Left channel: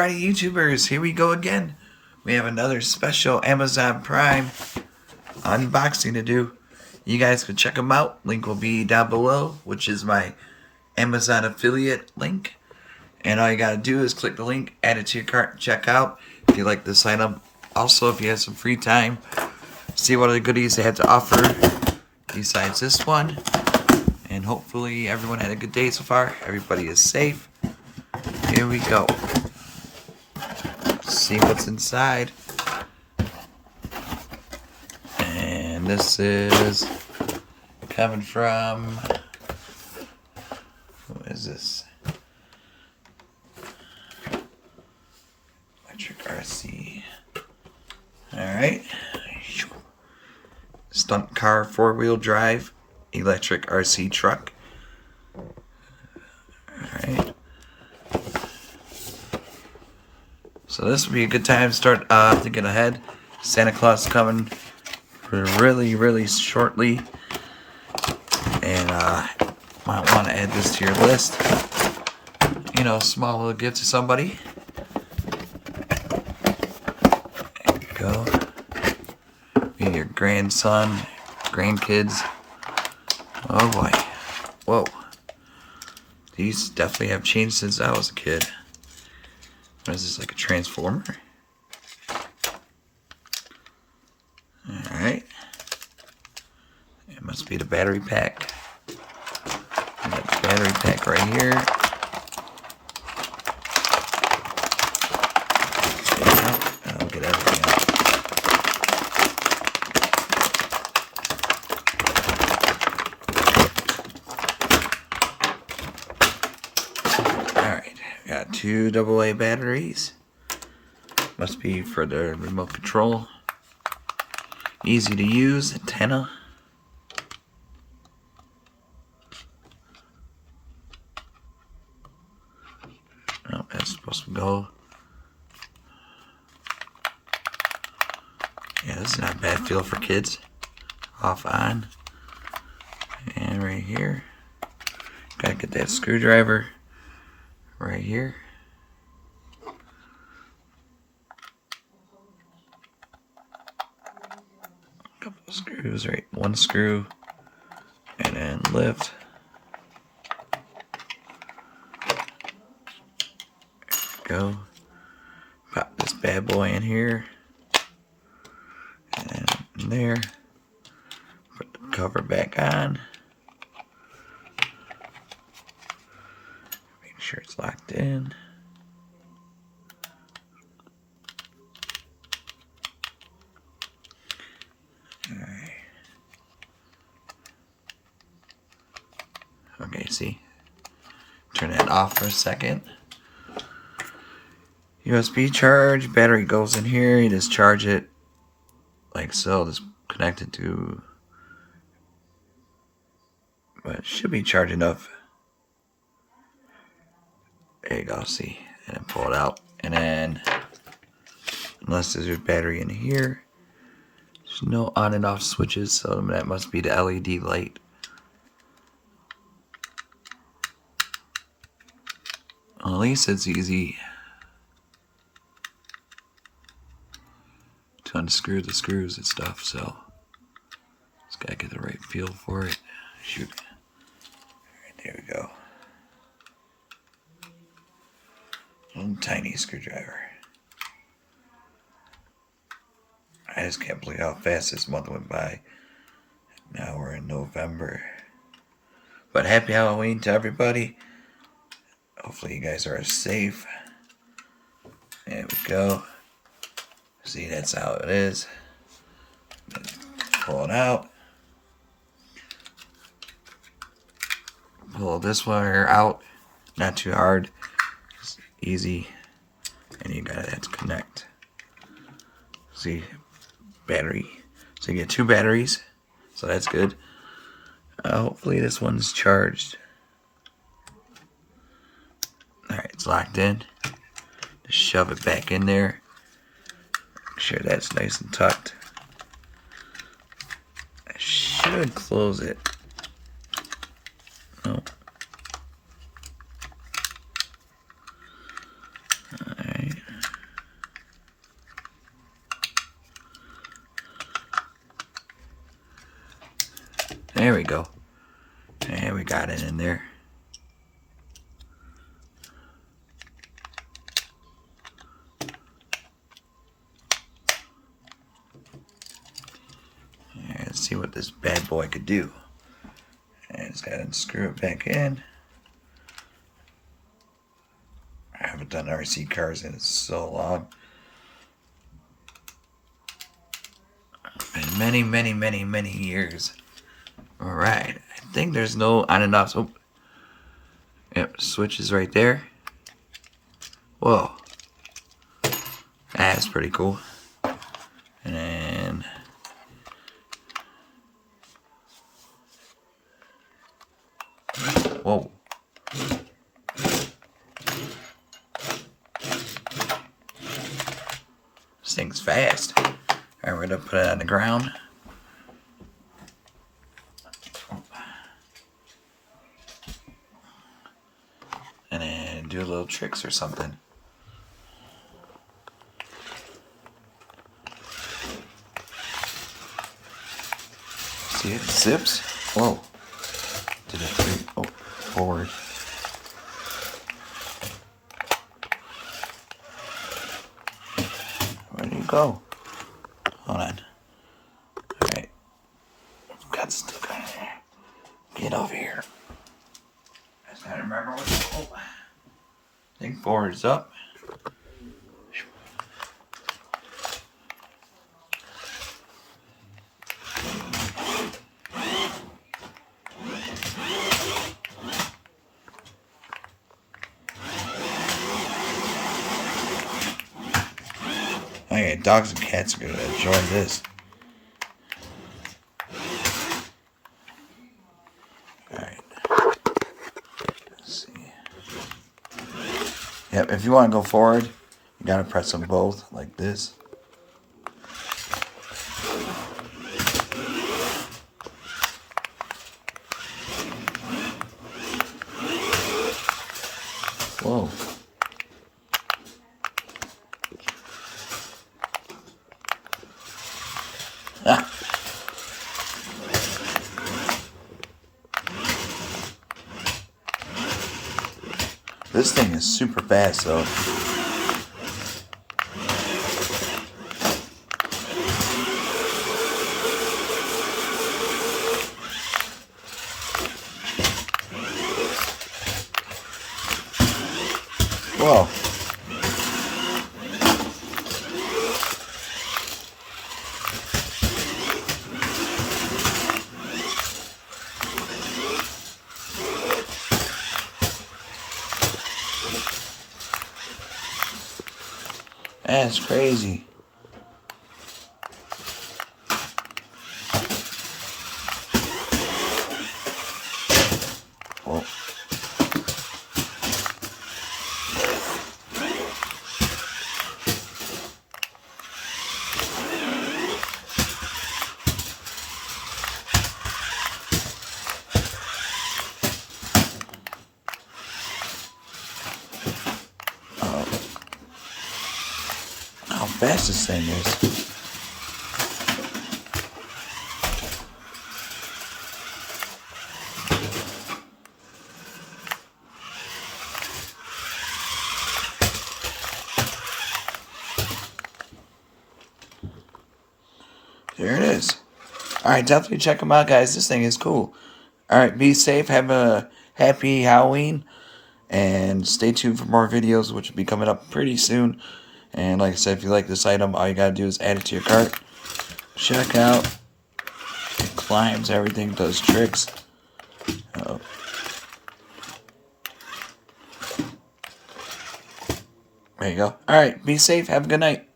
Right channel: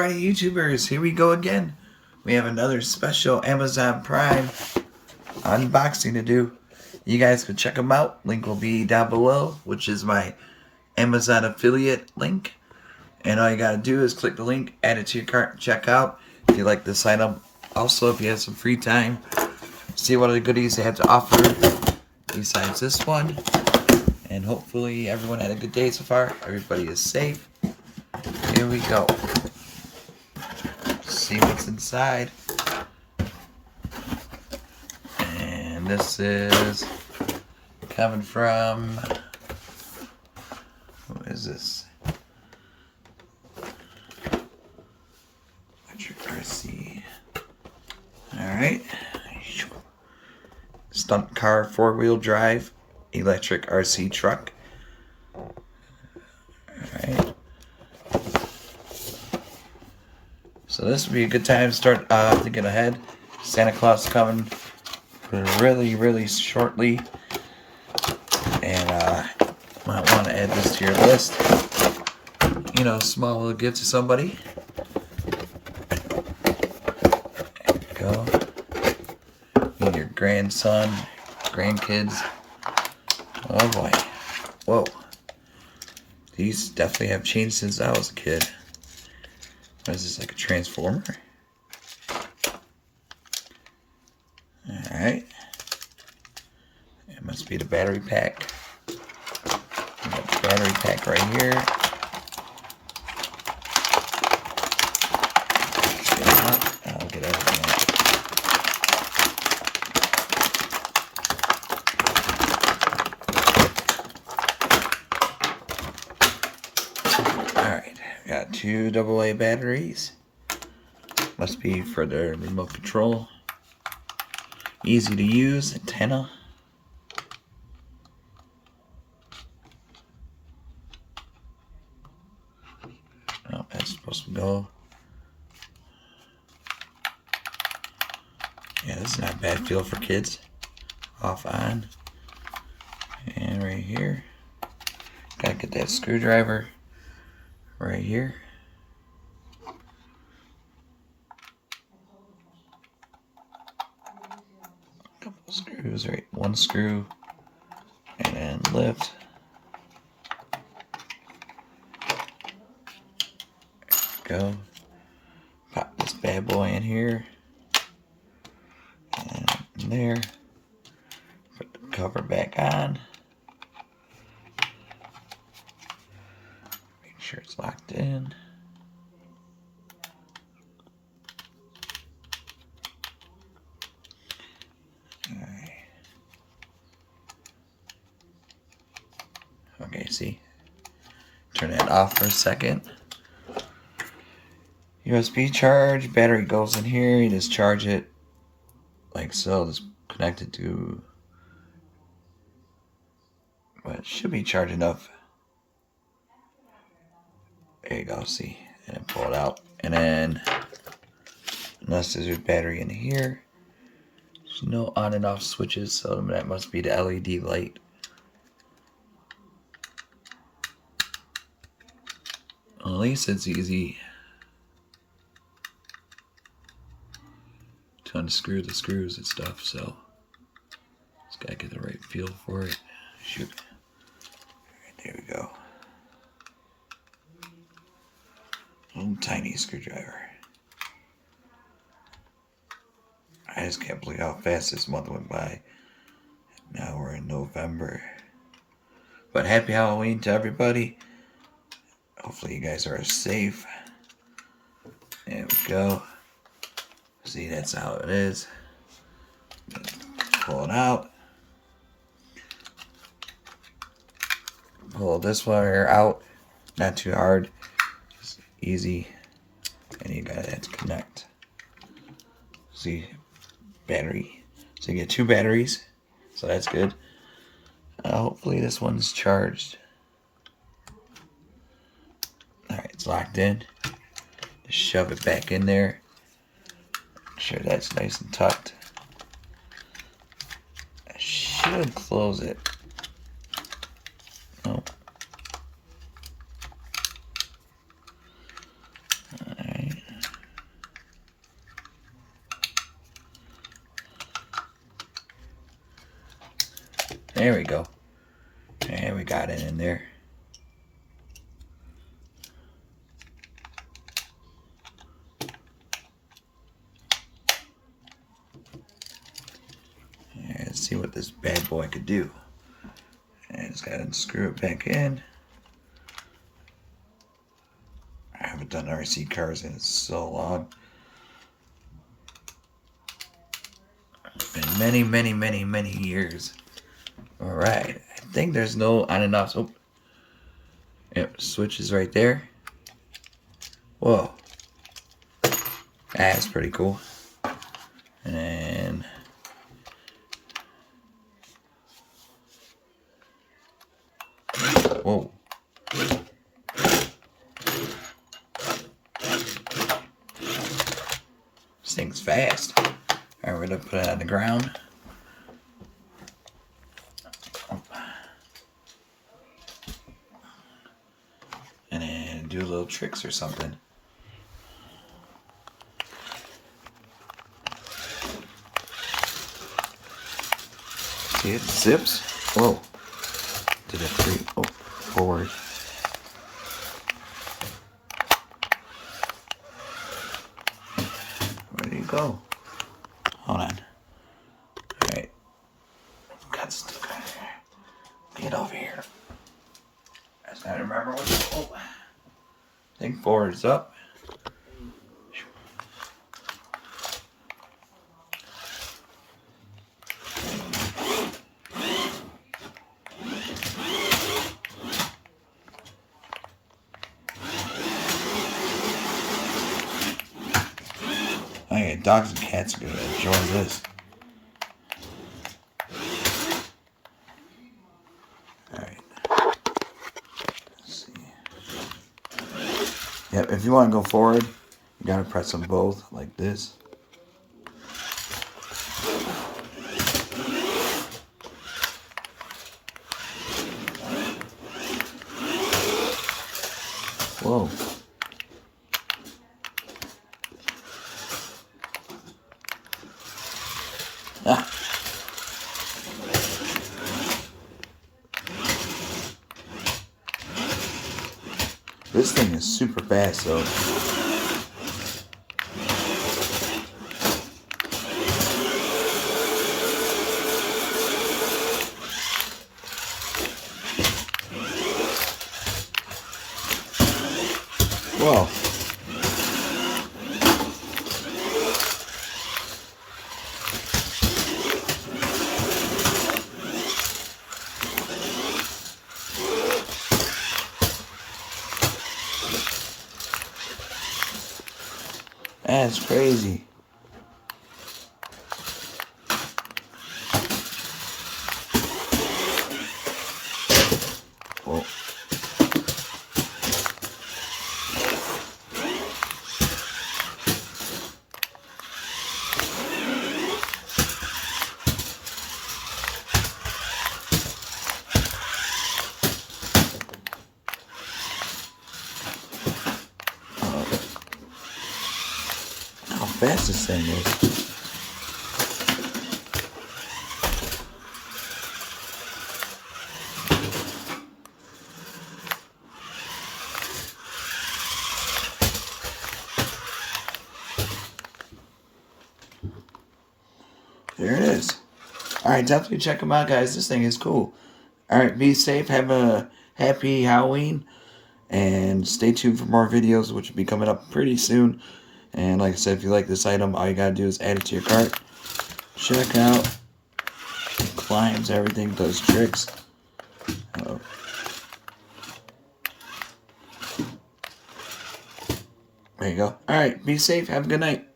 Alright, YouTubers, here we go again. We have another special Amazon Prime unboxing to do. You guys can check them out. Link will be down below, which is my Amazon affiliate link. And all you gotta do is click the link, add it to your cart, check out if you like this item. Also, if you have some free time, see what other goodies they have to offer besides this one. And hopefully everyone had a good day so far. Everybody is safe. Here we go. See what's inside. And this is coming from, who is this? Electric RC. Alright. Stunt car 4-wheel drive electric RC truck. Alright. So this would be a good time to start thinking ahead. Santa Claus is coming really shortly. And might want to add this to your list. You know, small little gift to somebody. There you go. And your grandson, grandkids. Oh boy. Whoa. These definitely have changed since I was a kid. What is this, like a transformer? Alright. It must be the battery pack. We got the battery pack right here. Get it out. I'll get everything out. Alright. Got 2 AA batteries. Must be for the remote control. Easy to use antenna. Oh, that's supposed to go. Yeah, this is not a bad feel for kids. Off on. And right here. Gotta get that screwdriver right here. Couple of screws, right? One screw, and then lift. There we go. Pop this bad boy in here, and in there. Put the cover back on. Make sure it's locked in. Alright. Okay, see? Turn that off for a second. USB charge, battery goes in here, you just charge it like so. Just connect it to, but it should be charged enough. There you go, see? And then pull it out. And then, unless there's a battery in here, there's no on and off switches, so that must be the LED light. Well, at least it's easy to unscrew the screws and stuff, so just gotta get the right feel for it. Shoot. Alright, there we go. Little tiny screwdriver. I just can't believe how fast this month went by. Now we're in November. But happy Halloween to everybody. Hopefully you guys are safe. There we go. See, that's how it is. Pull it out. Pull this wire out. Not too hard. Just easy. And you gotta have to connect. See, battery. So you get 2 batteries. So that's good. Hopefully this one's charged. Alright, it's locked in. Just shove it back in there. Make sure that's nice and tucked. I should close it. Oh. Alright. There we go. And we got it in there. And let's see what this bad boy could do. And just gotta screw it back in. I haven't done RC cars in so long. Been many years. Alright. I think there's no on and off. Oh. Yep, switch is right there. Whoa. That's pretty cool. And then whoa. This thing's fast. Alright, we're gonna put it on the ground. And then do little tricks or something. See it? Zips? Whoa. Did it three? Oh, forward. Where do you go? Hold on. Alright. Got stuck on there. Get over here. I just gotta remember what to do. I think forward's up. Okay, dogs and cats are gonna enjoy this. Alright. Let's see. Yep, if you want to go forward, you gotta press them both like this. Whoa. Ah. This thing is super fast though. Whoa. That's crazy. Whoa. How fast this thing is. There it is. Alright, definitely check them out, guys. This thing is cool. Alright, be safe. Have a happy Halloween. And stay tuned for more videos, which will be coming up pretty soon. And like I said, if you like this item, all you gotta do is add it to your cart. Check out. It climbs, everything, does tricks. Oh. There you go. Alright, be safe. Have a good night.